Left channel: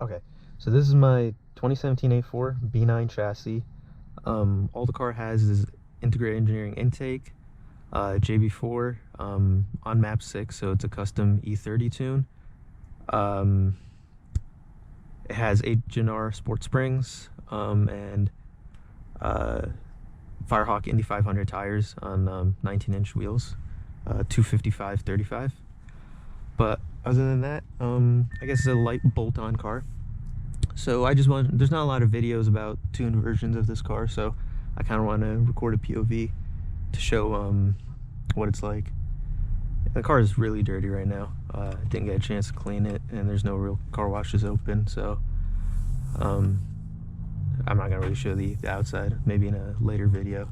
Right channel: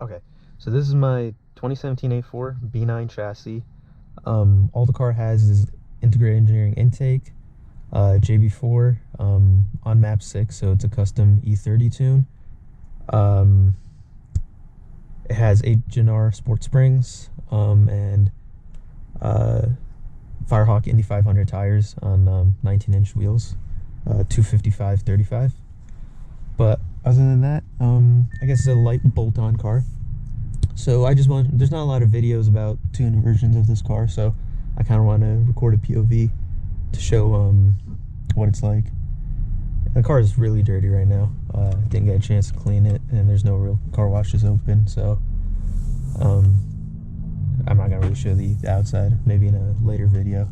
Okay, so this is my 2017 A4 B9 chassis. All the car has is integrated engineering intake, JB4 on map 6, so it's a custom E30 tune. It has H&R Sport Springs and Firehawk Indy 500 tires on 19-inch wheels, 255/35. But other than that, I guess it's a light bolt-on car. So I just want, there's not a lot of videos about tuned versions of this car, so I kind of want to record a POV to show what it's like. And the car is really dirty right now. Didn't get a chance to clean it, and there's no real car washes open, so I'm not gonna really show the outside, maybe in a later video.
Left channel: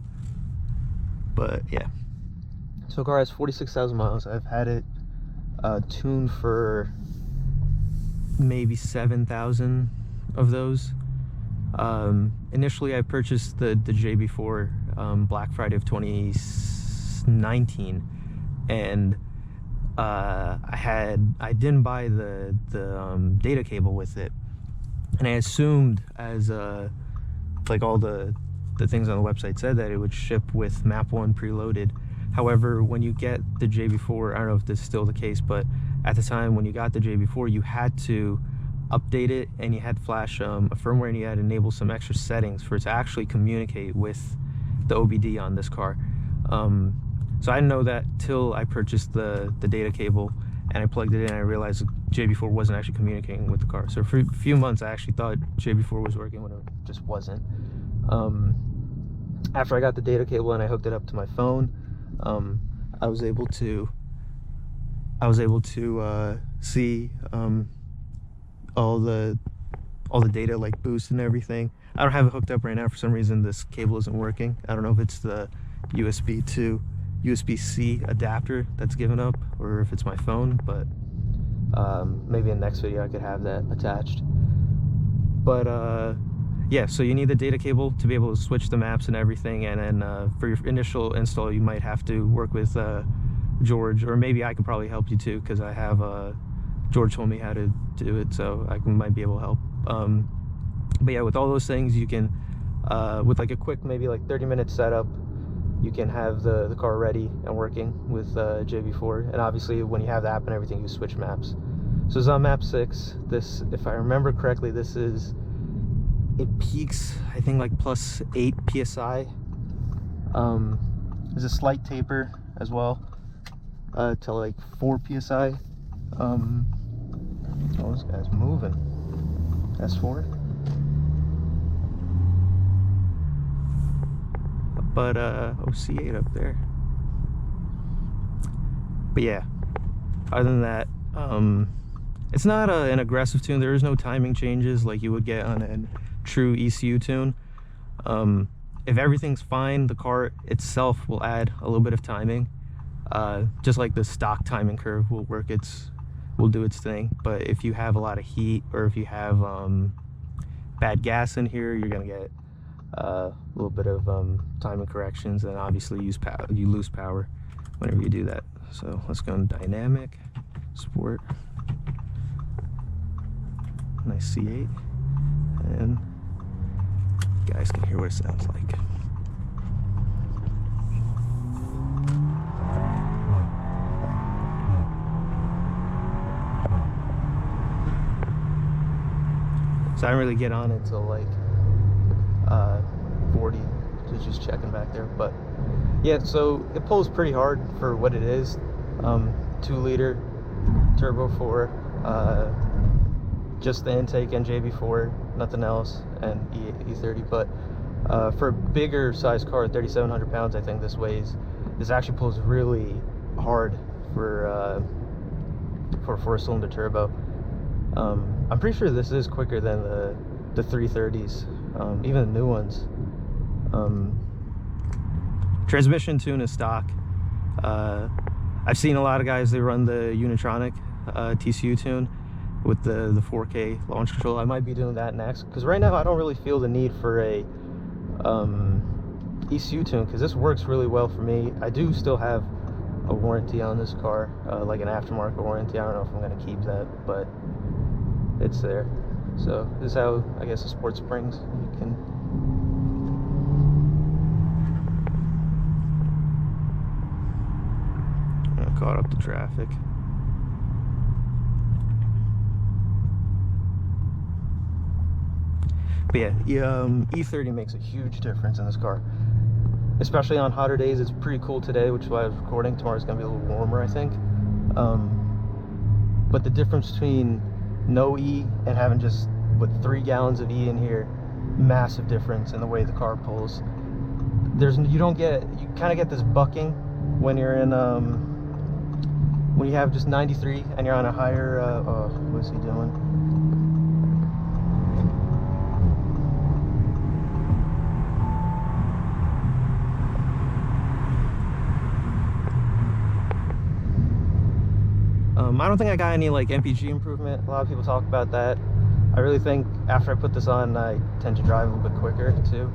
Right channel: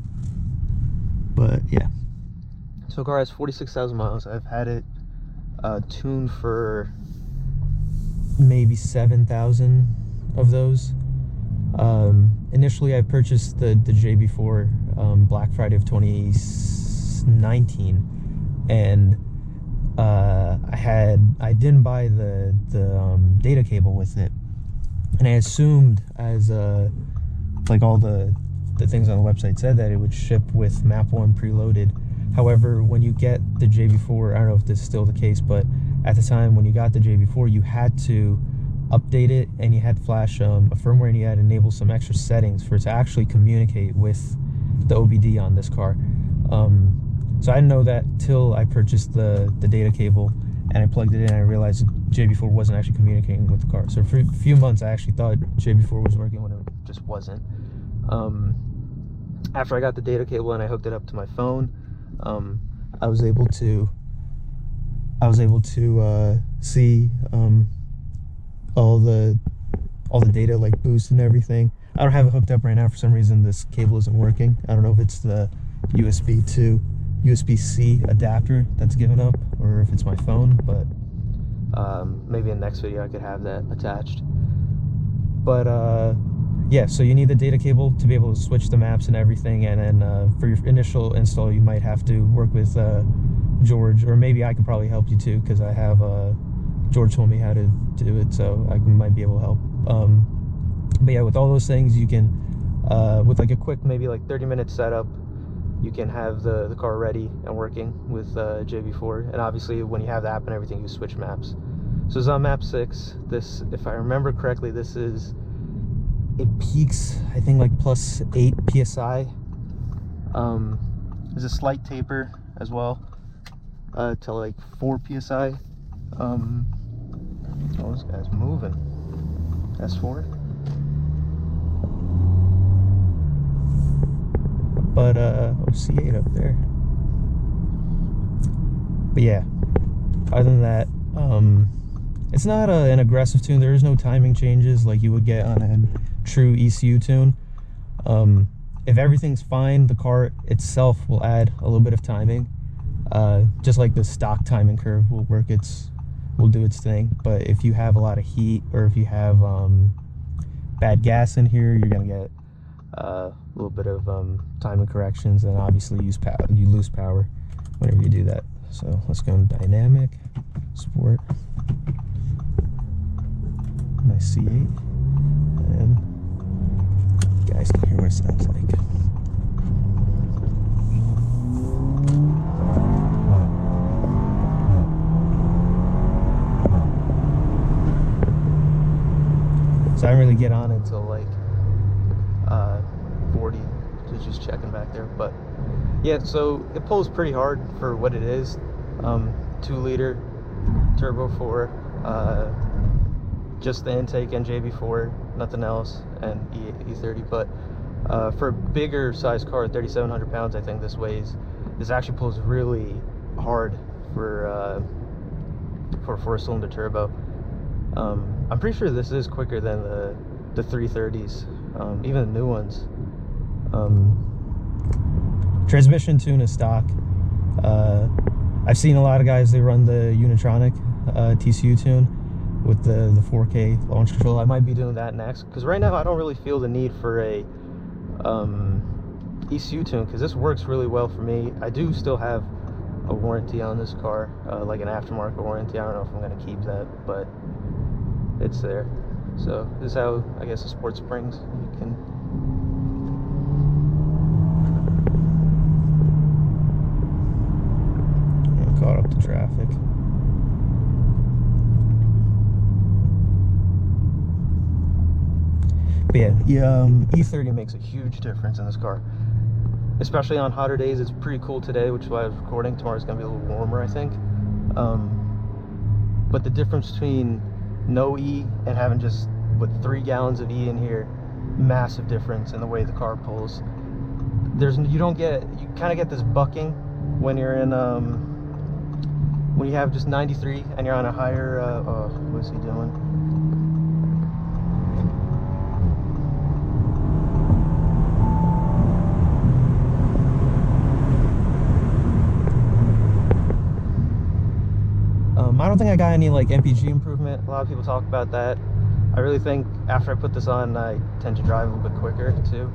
But yeah, so the car has 46,000 miles. I've had it tuned for maybe 7,000 of those. Initially I purchased the JB4 Black Friday of 2019, and I didn't buy the data cable with it, and I assumed, as like all the things on the website said, that it would ship with map 1 preloaded. However, when you get the JB4, I don't know if this is still the case, but at the time when you got the JB4, you had to update it, and you had to flash a firmware, and you had to enable some extra settings for it to actually communicate with the OBD on this car. So I didn't know that till I purchased the data cable, and I plugged it in, and I realized JB4 wasn't actually communicating with the car. So for a few months I actually thought JB4 was working when it just wasn't. After I got the data cable and I hooked it up to my phone, I was able to see all the data, like boost and everything. I don't have it hooked up right now. For some reason this cable isn't working. I don't know if it's the USB to USB-C adapter that's given up, or if it's my phone, but maybe in the next video I could have that attached. But yeah, so you need the data cable to be able to switch the maps and everything, and then for your initial install you might have to work with George, or maybe I could probably help you too, because I have George told me how to do it, so I might be able to help. But yeah, with all those things, you can with like a quick, maybe like 30-minute setup, you can have the car ready and working with JB4. And obviously when you have the app and everything, you switch maps. So it's on map 6. This, if I remember correctly, this is, it peaks I think like +8 psi. There's a slight taper as well to like 4 psi. Oh, this guy's moving. S4. But oh, C8 up there. But yeah, other than that, it's not an aggressive tune. There is no timing changes like you would get on a true ECU tune. If everything's fine, the car itself will add a little bit of timing, just like the stock timing curve will do its thing. But if you have a lot of heat, or if you have bad gas in here, you're gonna get a little bit of timing corrections, and obviously you lose power whenever you do that. So let's go in dynamic, sport, nice C8, and you guys can hear what it sounds like. So I didn't really get on until like 40, so just checking back there. But yeah, so it pulls pretty hard for what it is. 2-liter turbo 4, just the intake and JB4, nothing else, and E30. But for a bigger size car, 3,700 pounds, I think this weighs. This actually pulls really hard for a 4-cylinder turbo. I'm pretty sure this is quicker than the 330s, even the new ones. Transmission tune is stock. I've seen a lot of guys, they run the Unitronic TCU tune with the 4K launch control. I might be doing that next, because right now I don't really feel the need for a ECU tune, because this works really well for me. I do still have a warranty on this car, like an aftermarket warranty. I don't know if I'm going to keep that, but it's there. So this is how, I guess, the Sport Springs, you can caught up to traffic. But yeah, E30 makes a huge difference in this car, especially on hotter days. It's pretty cool today, which is why I was recording. Tomorrow's gonna be a little warmer, I think. But the difference between no E and having just 3 gallons of E in here, massive difference in the way the car pulls. You kind of get this bucking when you're in when you have just 93 and you're on a higher oh, what's he doing? I don't think I got any like MPG improvement. A lot of people talk about that. I really think after I put this on, I tend to drive a little bit quicker too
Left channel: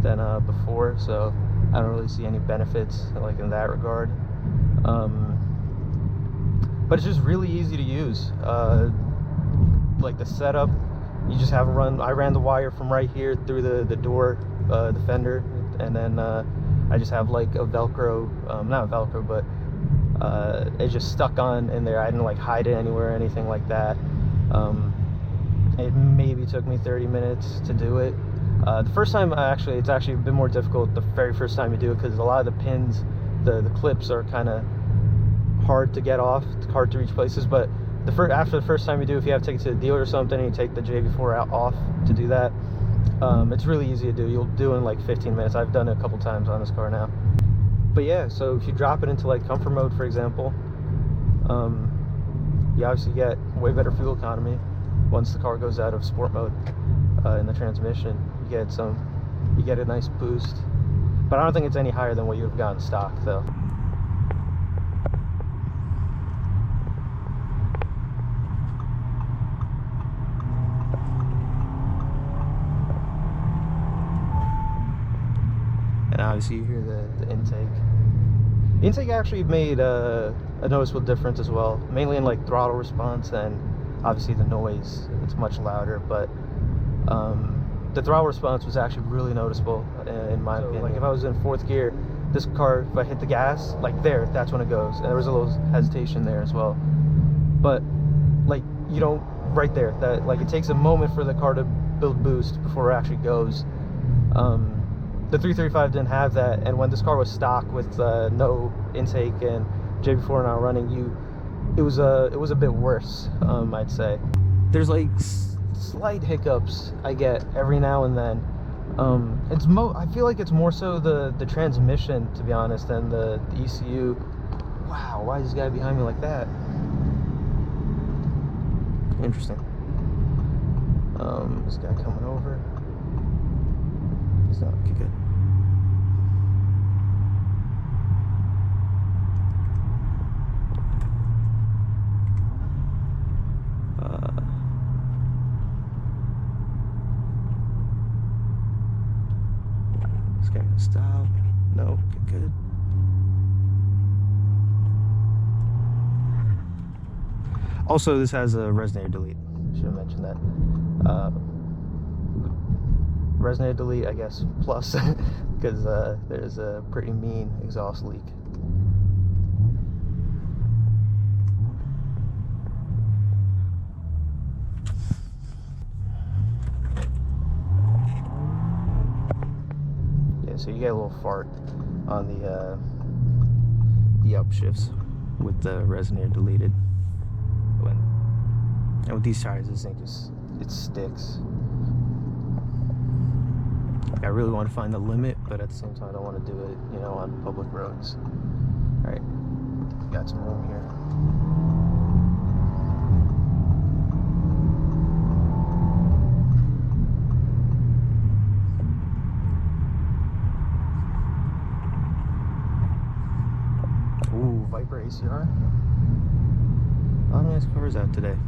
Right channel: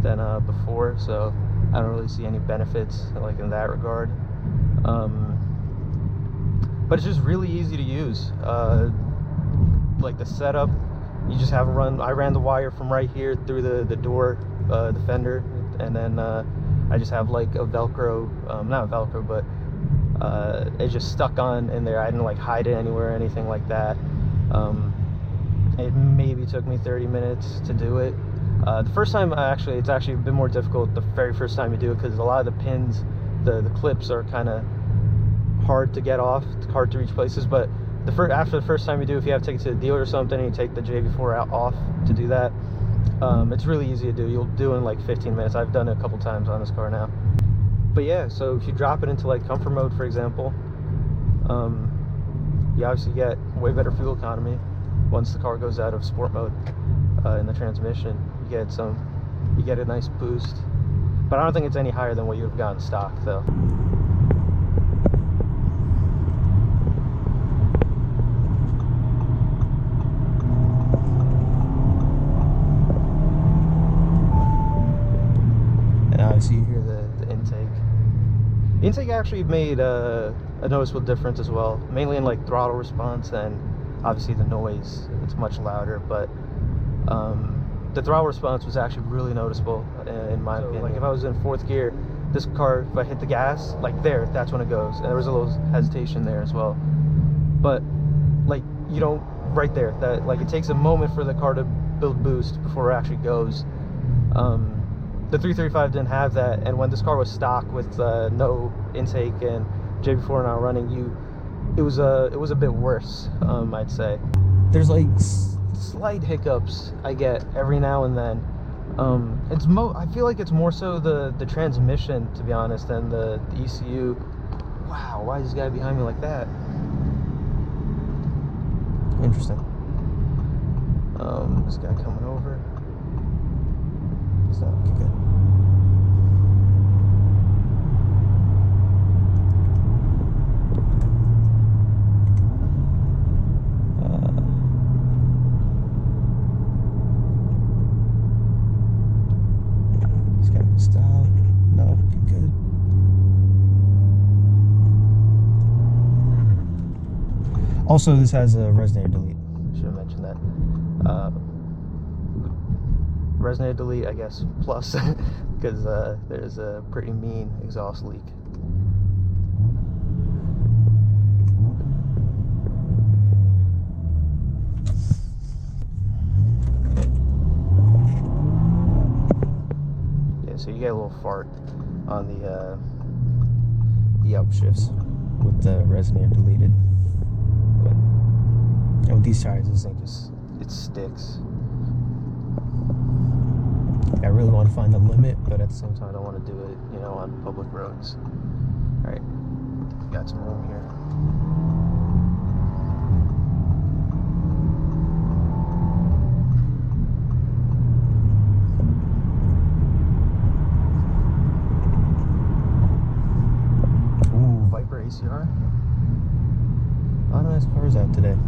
than before, so I don't really see any benefits like in that regard. But it's just really easy to use. Like the setup, you just have I ran the wire from right here through the door, the fender, and then I just have like a Velcro, not Velcro, but it just stuck on in there. I didn't like hide it anywhere or anything like that. It maybe took me 30 minutes to do it. The first time, it's actually a bit more difficult the very first time you do it, because a lot of the pins, the clips are kind of hard to get off. It's hard to reach places. But after the first time you do, if you have to take it to the dealer or something and you take the JB4 off to do that, it's really easy to do. You'll do it in like 15 minutes. I've done it a couple times on this car now. But yeah, so if you drop it into like comfort mode, for example, you obviously get way better fuel economy. Once the car goes out of sport mode in the transmission, you get a nice boost. But I don't think it's any higher than what you would have gotten stock though. And obviously you hear the intake. The intake actually made a noticeable difference as well, mainly in like throttle response and obviously the noise. It's much louder, but the throttle response was actually really noticeable in my opinion. Like if I was in 4th gear, this car, if I hit the gas, like that's when it goes. And there was a little hesitation there as well. But like you don't, right there, that like it takes a moment for the car to build boost before it actually goes. The 335 didn't have that, and when this car was stock with no intake and JB4 not running, it was a bit worse, I'd say. There's like slight hiccups I get every now and then. I feel like it's more so the transmission, to be honest, than the ECU. Wow, why is this guy behind me like that? Interesting. This guy coming over. It's not okay, good. This guy can stop. No, good. Also, this has a resonator delete. Should have mentioned that. Resonator delete, I guess, plus, because there's a pretty mean exhaust leak. Yeah, so you get a little fart on the upshifts with the resonator deleted. And with these tires, this thing it sticks. I really want to find the limit, but at the same time I don't want to do it, on public roads. Alright, got some room here. Ooh, Viper ACR. A lot of nice cars out today.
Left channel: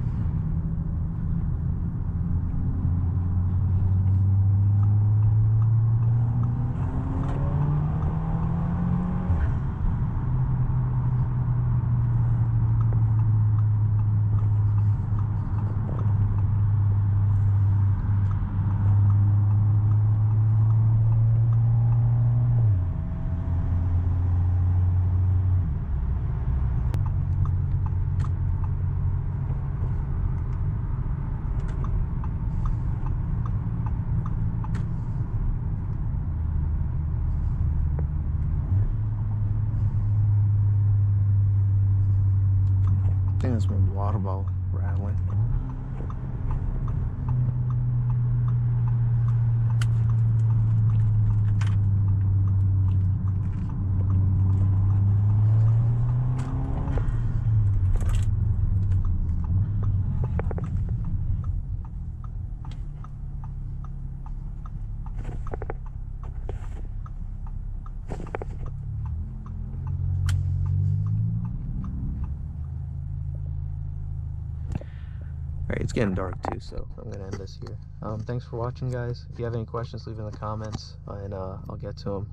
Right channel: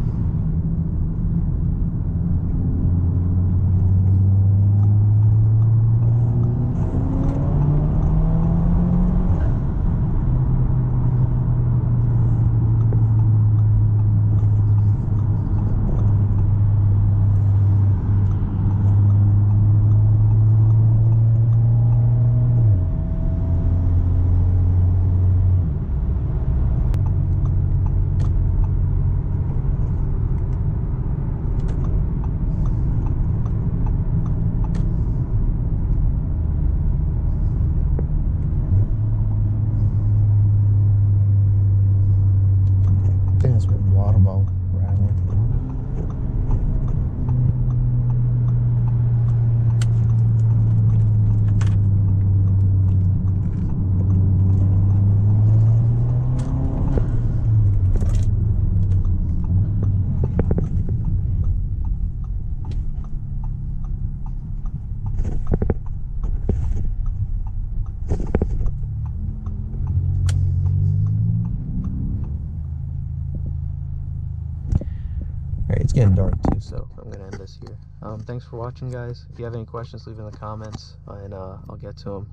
getting dark too, so I'm gonna end this here. Thanks for watching, guys. If you have any questions, leave in the comments, and I'll get to them.